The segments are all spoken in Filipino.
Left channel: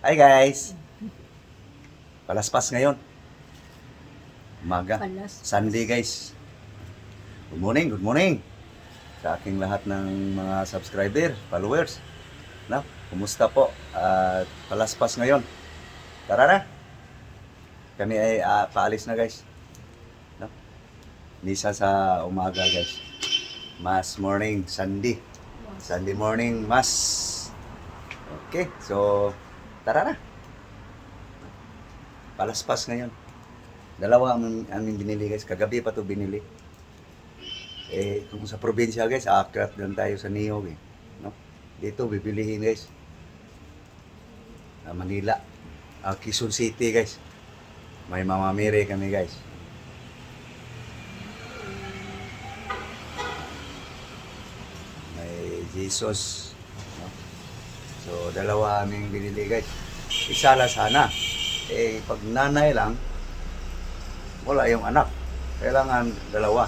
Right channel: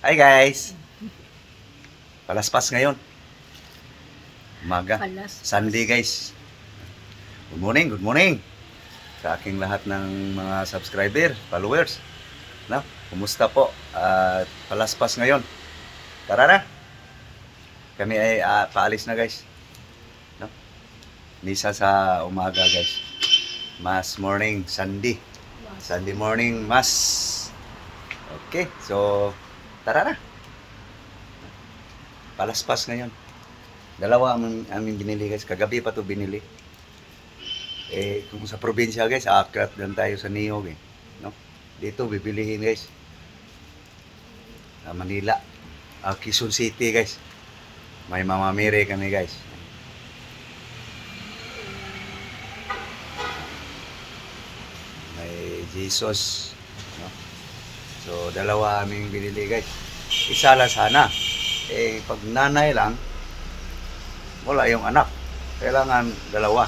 Hi guys! Palaspas ngayon. Umaga. Palaspas. Sunday guys. Good morning, good morning. Sa aking lahat ng mga subscriber, followers. No? Kumusta po? Palaspas ngayon. Tara na. Kami ay paalis na guys. No? Misa sa umaga guys. Mass morning, Sunday. Sunday morning, Mass. Okay, so tara na. Palaspas ngayon. Dalawa aming binili guys. Kagabi pa to binili. Kung sa probinsya guys, akrat lang tayo sa Niyog eh. No? Dito bibilihin guys. Manila. Quezon City guys. May mamamere kami guys. May Jesus. No? So dalawa aming binili guys. Isa lang sana. Pag nanay lang, wala yung anak. Kailangan dalawa.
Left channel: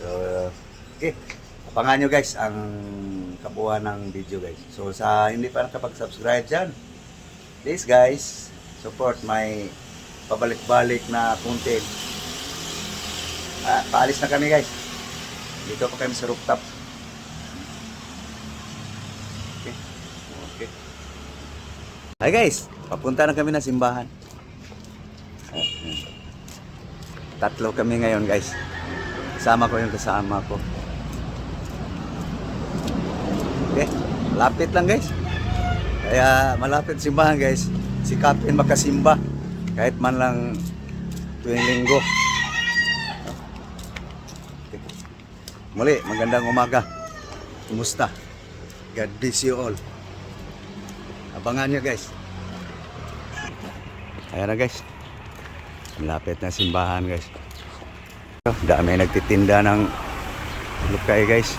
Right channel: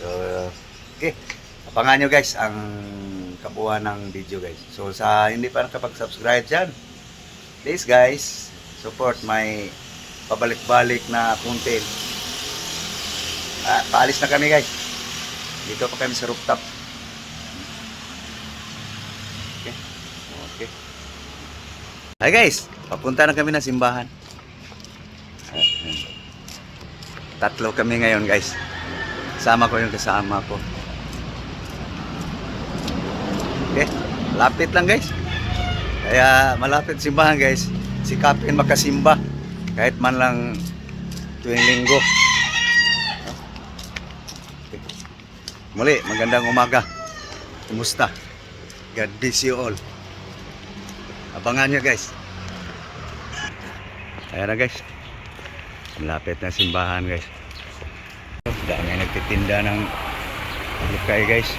So, okay. Abangan nyo guys ang kabuuan ng video guys. So sa hindi pa nakapag-subscribe dyan, please guys, support my pabalik-balik na content. Paalis na kami guys. Dito pa kami sa rooftop. Okay. Okay. Hi guys, papunta na kami na simbahan. Tatlo kami ngayon guys. Sama ko yung kasama ko. Okay, lapit lang guys. Kaya malapit simbahan guys. Sikapin makasimba kahit man lang tuwing linggo. Muli, magandang umaga. Kumusta? God bless you all. Abangan nyo guys. Ayan na guys. Malapit na simbahan guys. Dami nagtitinda ng lukay guys.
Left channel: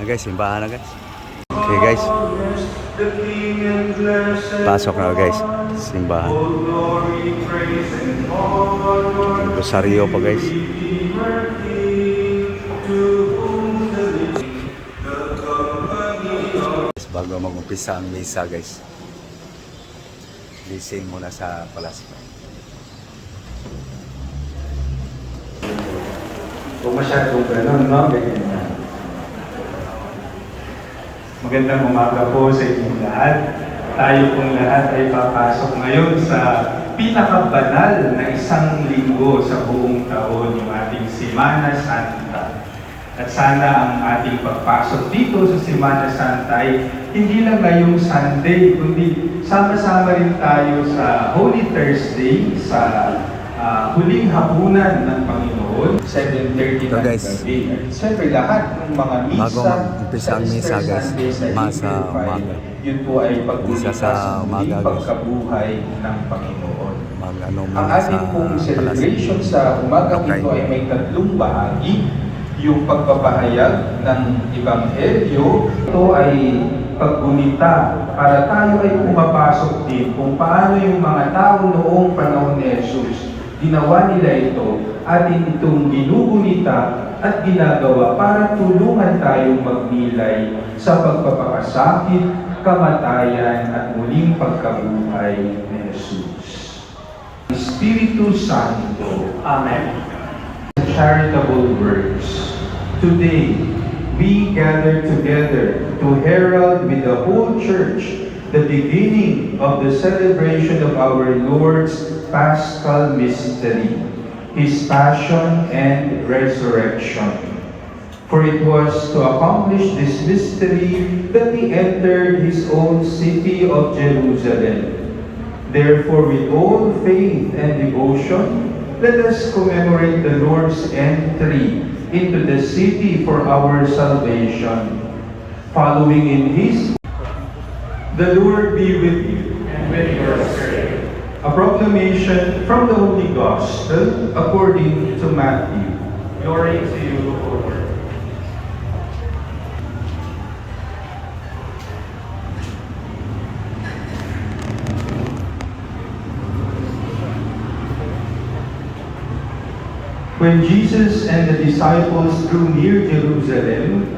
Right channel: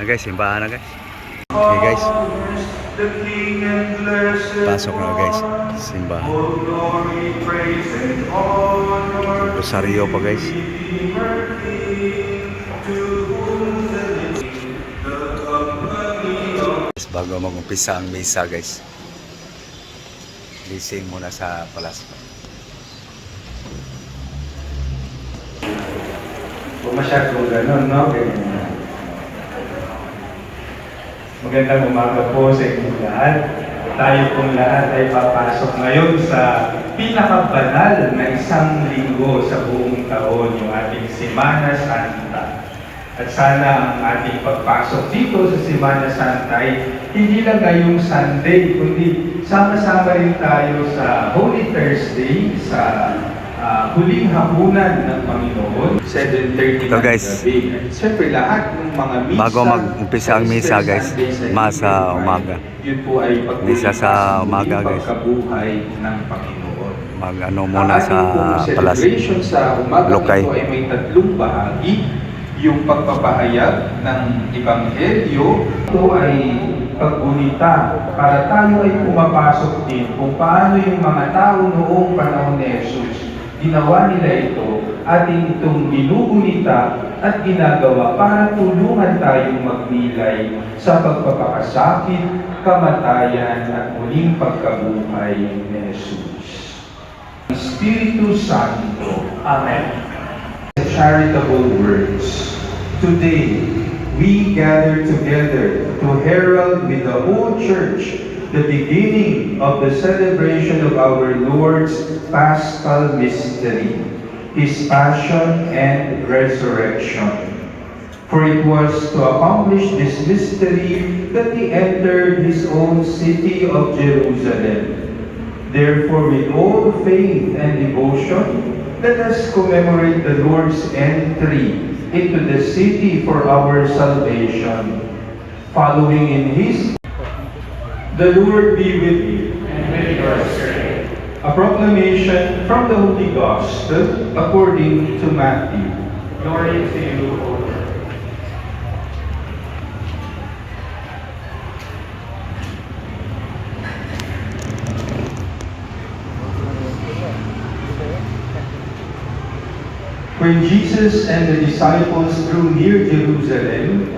Guys, simbahan na guys. Okay guys. Pasok na guys. Simbahan. Rosaryo pa guys. Bago mag-umpisa ang misa guys. Gising muna sa palaspas. Kung masyadong gano'n, no? Magandang umaga po sa inyong lahat. Tayo pong lahat ay papasok ngayon sa pinakabanal na isang linggo sa buong taon, yung ating Semana Santa. At sana ang ating pagpasok dito sa Semana Santa ay hindi lang ngayong Sunday, kundi sama-sama rin tayo sa Holy Thursday, sa huling hapunan ng Panginoon, 7:30 ito guys, gabi. At siyempre lahat ng mga misa, bago mag-umpisa ang misa guys, masa umaga. Yun po ay Misa sa umaga guys. Pagkabuhay ng Panginoon. Mag-ano muna sa celebration sa umaga Lukay. ito ay may tatlong bahagi. Yung pagpapahayag ng Ebanghelyo, ito ay paggunita para tayo ay pumapasok din kung paano yung mga tao noong panahon ni Jesus. Ginawa nila ito, ating itong ginugunita at ginagawa para tulungan tayong magnilay sa pagpapakasakit, kamatayan at muling pagkabuhay ni Jesus. Espiritu Santo. Amen. Charitable words. Today, we gather together to herald with the whole church the beginning of the celebration of our Lord's Paschal Mystery, His Passion and Resurrection. For it was to accomplish this mystery that He entered His own city of Jerusalem. Therefore, with all faith and devotion, let us commemorate the Lord's entry into the city for our salvation. Following in His, the Lord be with you. And with your spirit. A proclamation from the Holy Gospel according to Matthew. Glory to you, O Lord. When Jesus and the disciples drew near Jerusalem,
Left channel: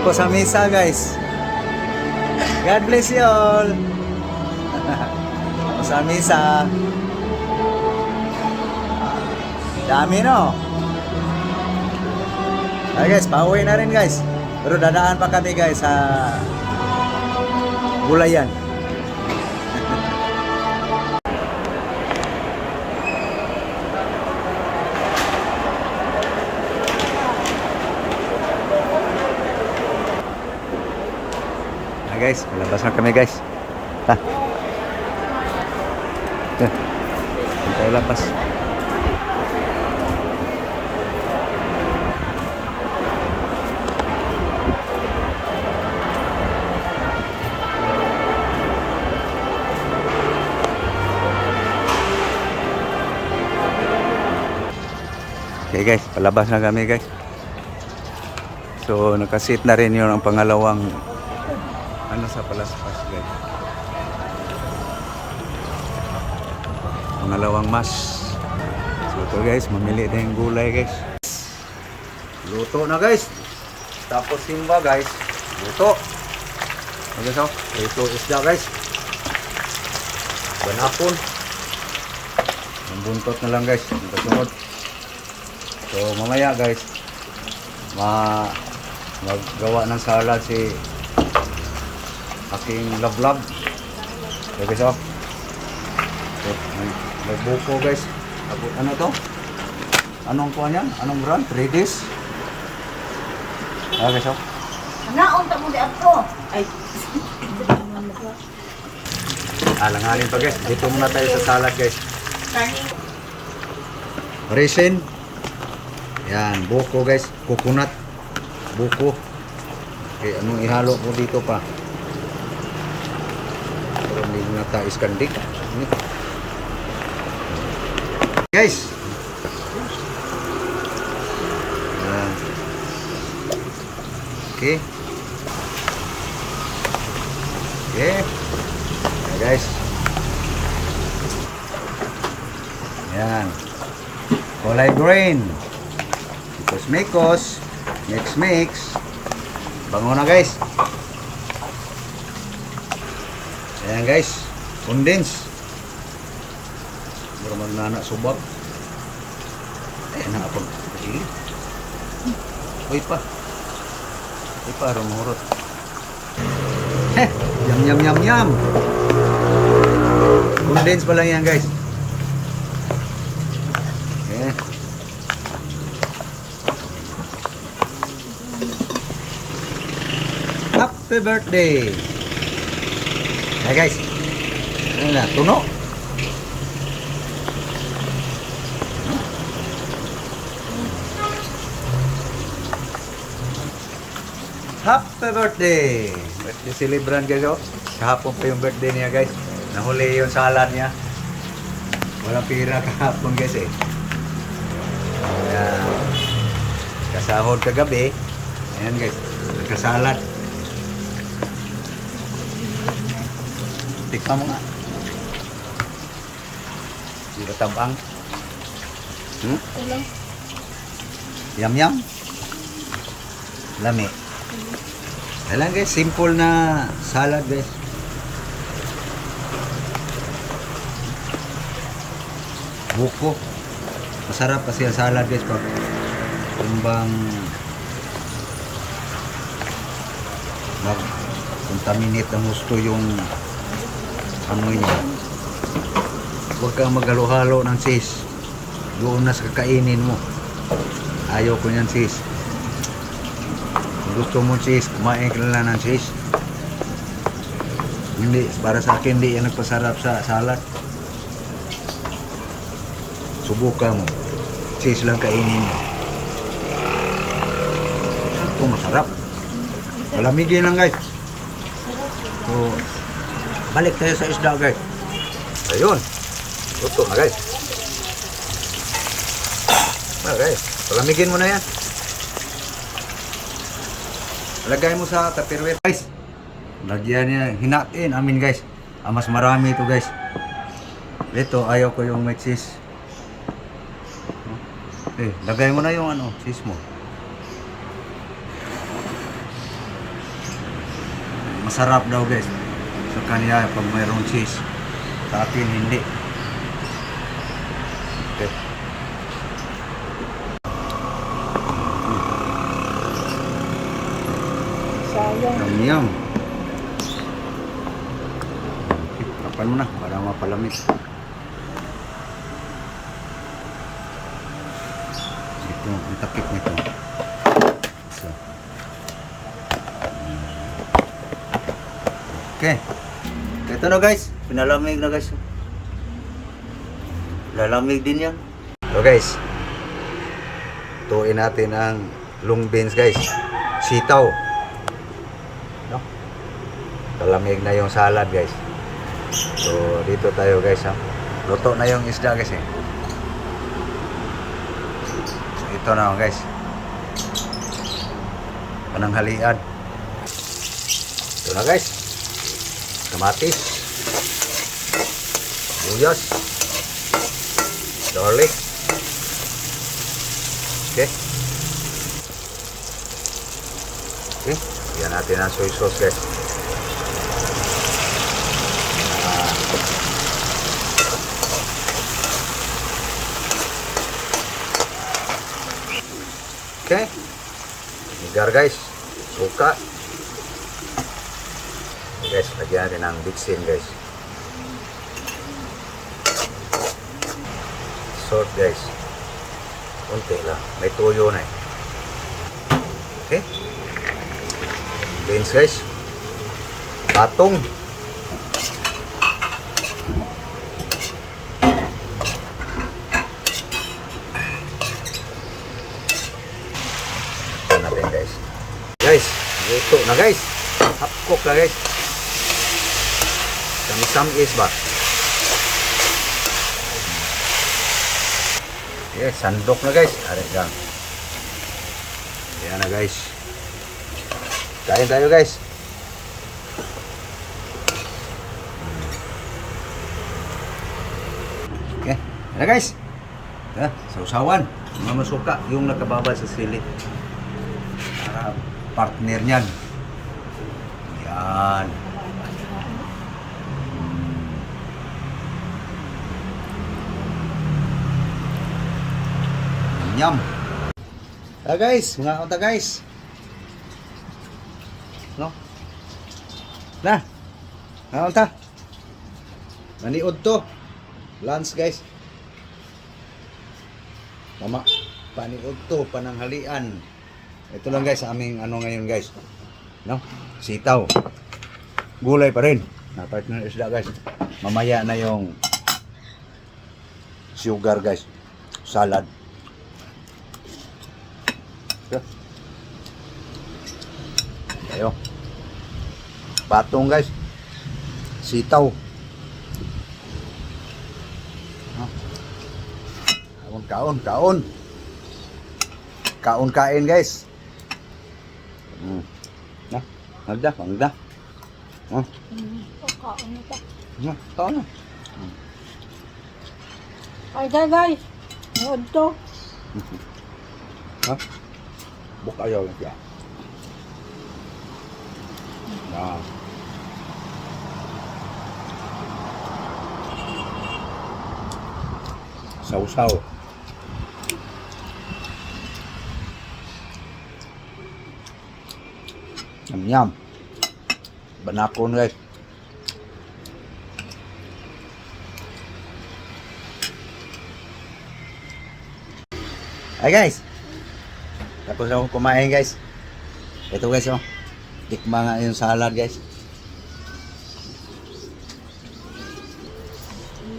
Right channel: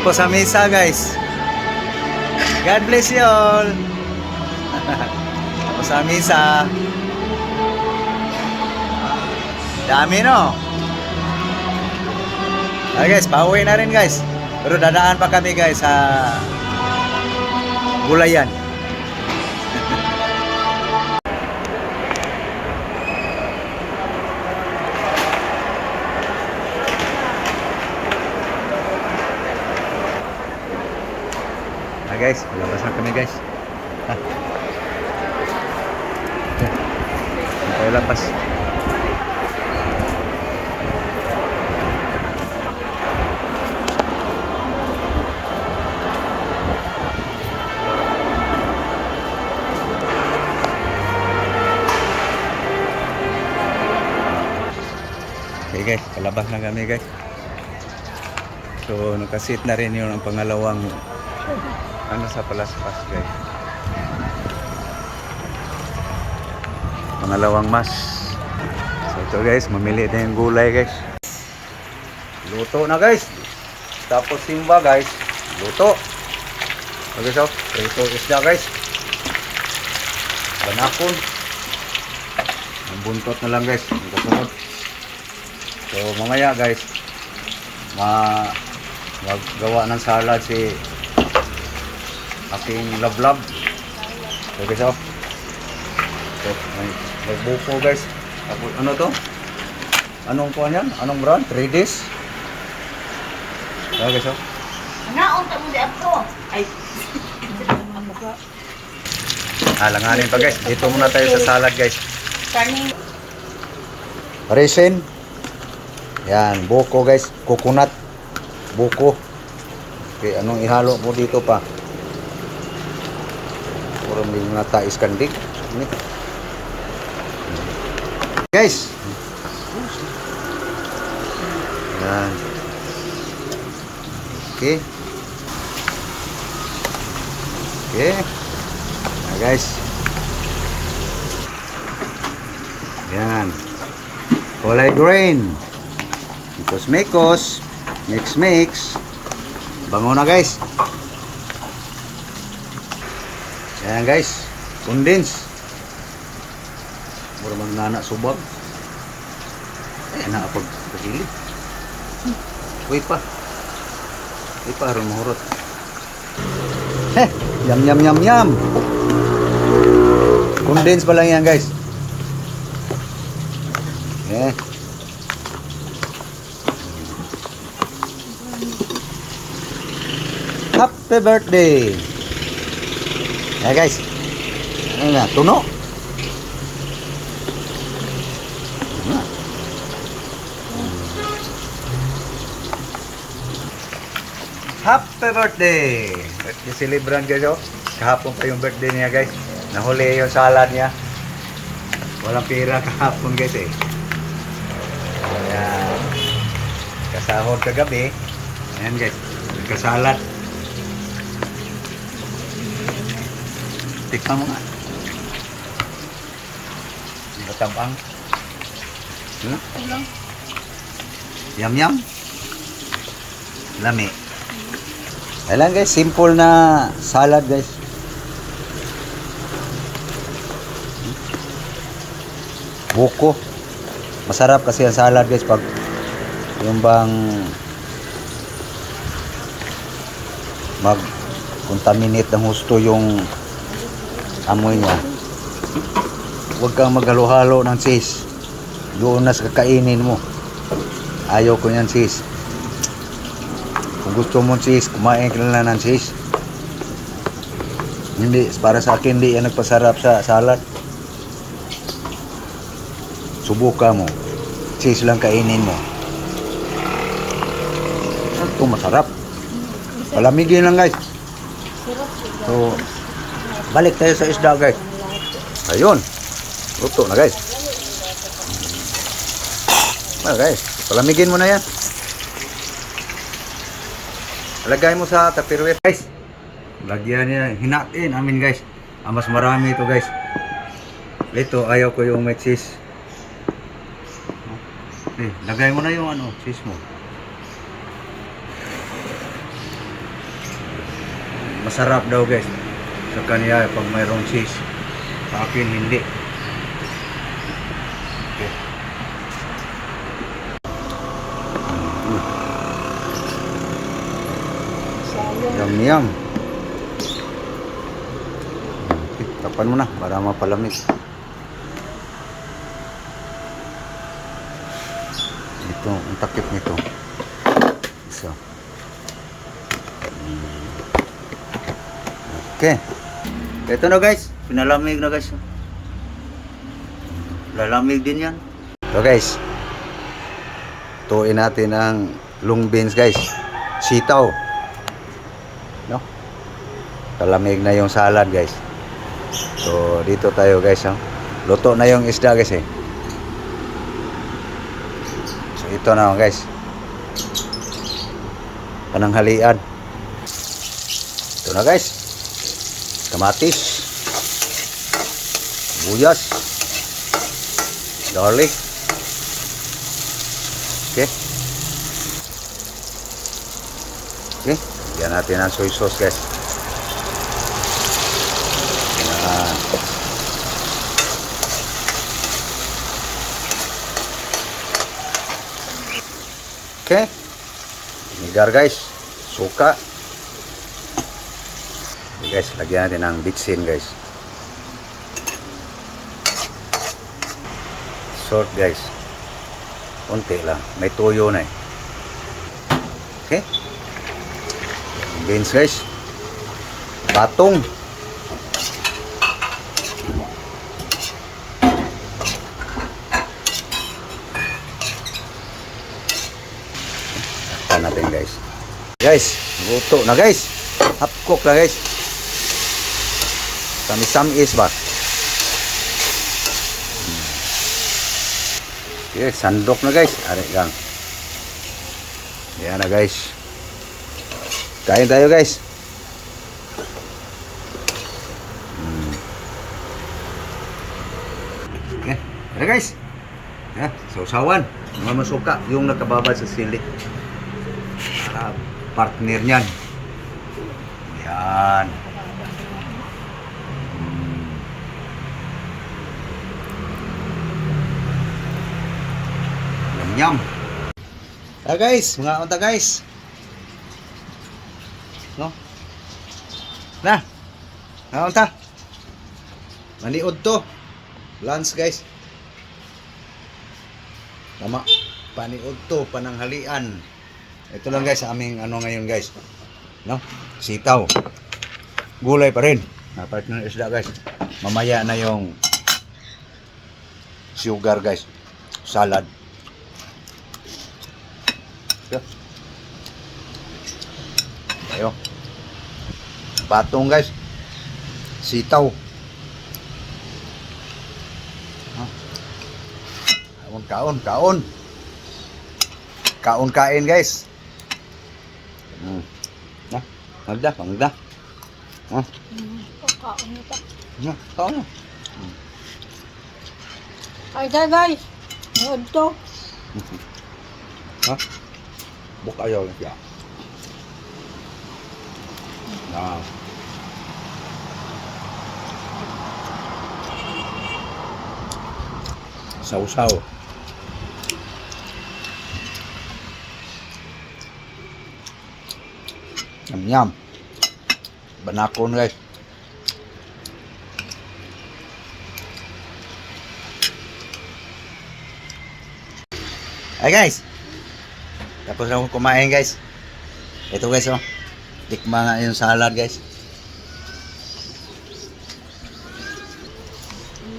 Tapos sa misa, guys. God bless you all. Tapos sa misa. Dami, no? Okay, guys, pauwi na rin, guys. Pero dadaan pa kami, guys, sa Gulayan. Guys, labas na kami, guys. Ha. Tayo labas. Okay, guys, palabas na kami, guys. So, nakasit na rin yun ang pangalawang ano sa Palaspas, guys. Pangalawang mas. So ito, guys, mamili na yung gulay, guys. Luto na, guys. Tapos simba, guys. Luto. Okay, so prito isda, guys. Banapon. Yung buntot na lang, guys. Yung kasunod. So mamaya, guys, maggawa ng salad si aking love. So guys, oh. So, may buko, guys. Tapos ano to? Anong kuha niyan? Anong brand? 3Ds? Ah, guys, oh. Naon ta mo di ako. Ay. Langanin pa, guys. Dito muna tayo sa salad, guys. Turning. Resin. Yan, buko, guys. Coconut. Buko. Okay, anong ihalo mo dito pa? Hindi mo natais kan din. Guys. Yan. Okay. Okay. Guys. Yan. Kulay green. Mekos. Mix. Bango na, guys. Ayan, guys, condense. Mura magnana subag. Ayan na ako kasili. Uy pa, rumurot. Yum. Condense pa lang yan, guys. Eh. Happy birthday. Ya, guys. Ano na, tuno. Happy birthday. Birthday celebrant, guys, oh. Kahapon pa yung birthday niya, guys. Nahuli yung salad niya. Walang pira kahapon, guys, eh. Ayan. Kasahod kagabi. Ayan, guys. Nagkasalad. Tikman mo nga. Di ba tabang? Ulang. Yum. Lami. Ayan, guys, simple na salad, guys. Buko. Masarap kasi ang salad, guys, pag yung bang mag-contaminate ng husto yung amoy niya. Huwag kang maghalo-halo ng cheese. Doon na sa kakainin mo. Ayaw ko yan, cheese. Kung gusto mo cheese, kumain ka lang ng cheese. Hindi, para sa akin, hindi yan nagpasarap sa salad. Subukan mo. Cheese lang kainin mo. Ito masarap. Palamigin lang, guys. So, balik tayo sa isda guys. Ayun. Luto na guys. Guys, palamigin mo na yan. Lagay mo sa tupperware guys. Lagyan niya, hinatin amin guys. Mas marami ito guys. Ito, ayaw ko yung may cheese. Lagay mo na yung cheese mo. Masarap daw guys. Sa kanya pag mayroong cheese. Sa akin hindi. Okay. Yum. Tapan mo na para mapalamig. Ito, ang takip nito. Isa. Okay. Ito na guys, pinalamig na guys. Lalamig din yan. So guys, tuin natin ang long beans guys. Sitaw. No? Palamig na yung salad guys. So dito tayo guys. No? Luto na yung isda guys eh. So ito na guys. Pananghalian. Ito na guys. Kamatis. Buyas. Garlic. Okay. Okay. Yan natin ang soy sauce guys. Okay. Vinegar guys. Suka. Guys, lagyan natin ng bitsin guys. Salt guys. Konti lang. May tuyo na eh. Okay. Beans guys. Batong. Ito natin guys. Guys, luto na guys. Half cook na guys. Tamis-tamis ba? Okay, sandok na guys. Alit lang. Yan na guys. Kain tayo guys. Okay. Yan na guys. Yan. Sausawan. Mga masuka. Yung nakababad sa sili. Para partner niyan. Yan. Yum. Guys, mga unta guys. No? Na. Mga unta. Maniod to. Lunch guys. Tama. Paniod to, pananghalian. Ito lang guys, aming ngayon guys. No? Sitaw. Gulay pa rin. Partner isda guys. Mamaya na yung sugar guys. Salad. Ayo. Batong guys. Sitaw. Kaon. Kaon kain guys. No, magda. Kaon ito. No, kaon. Ay, guys. Nood to. Ha? Buka ayaw lang siya. Nah. Sausaw. Yum. Banakon guys. Hi guys. Tapos na ako kumain guys. Ito guys oh. Tikma nga yung salad guys.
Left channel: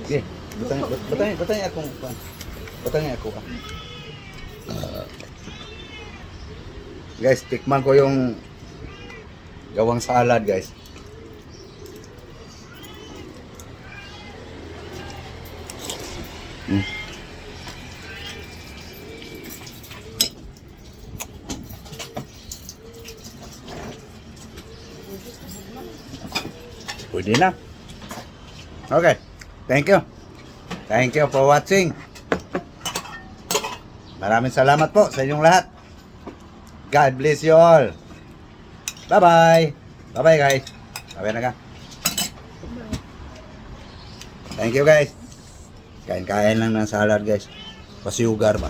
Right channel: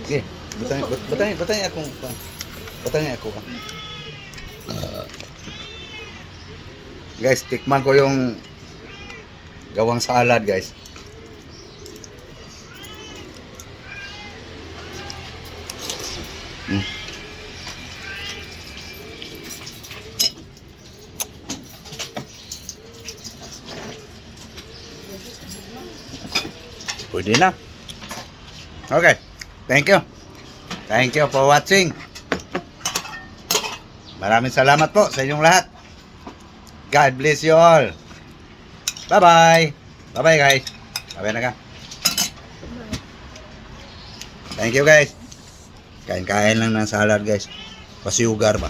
Okay. Butang ako. Guys, tikman ko yung gawang salad guys. Pwede na. Okay. Thank you. Thank you for watching. Maraming salamat po sa inyong lahat. God bless you all. Bye-bye. Bye-bye guys. Bye-bye na ka. Thank you guys. Kain-kain lang ng salad guys. Pasiyugar ba?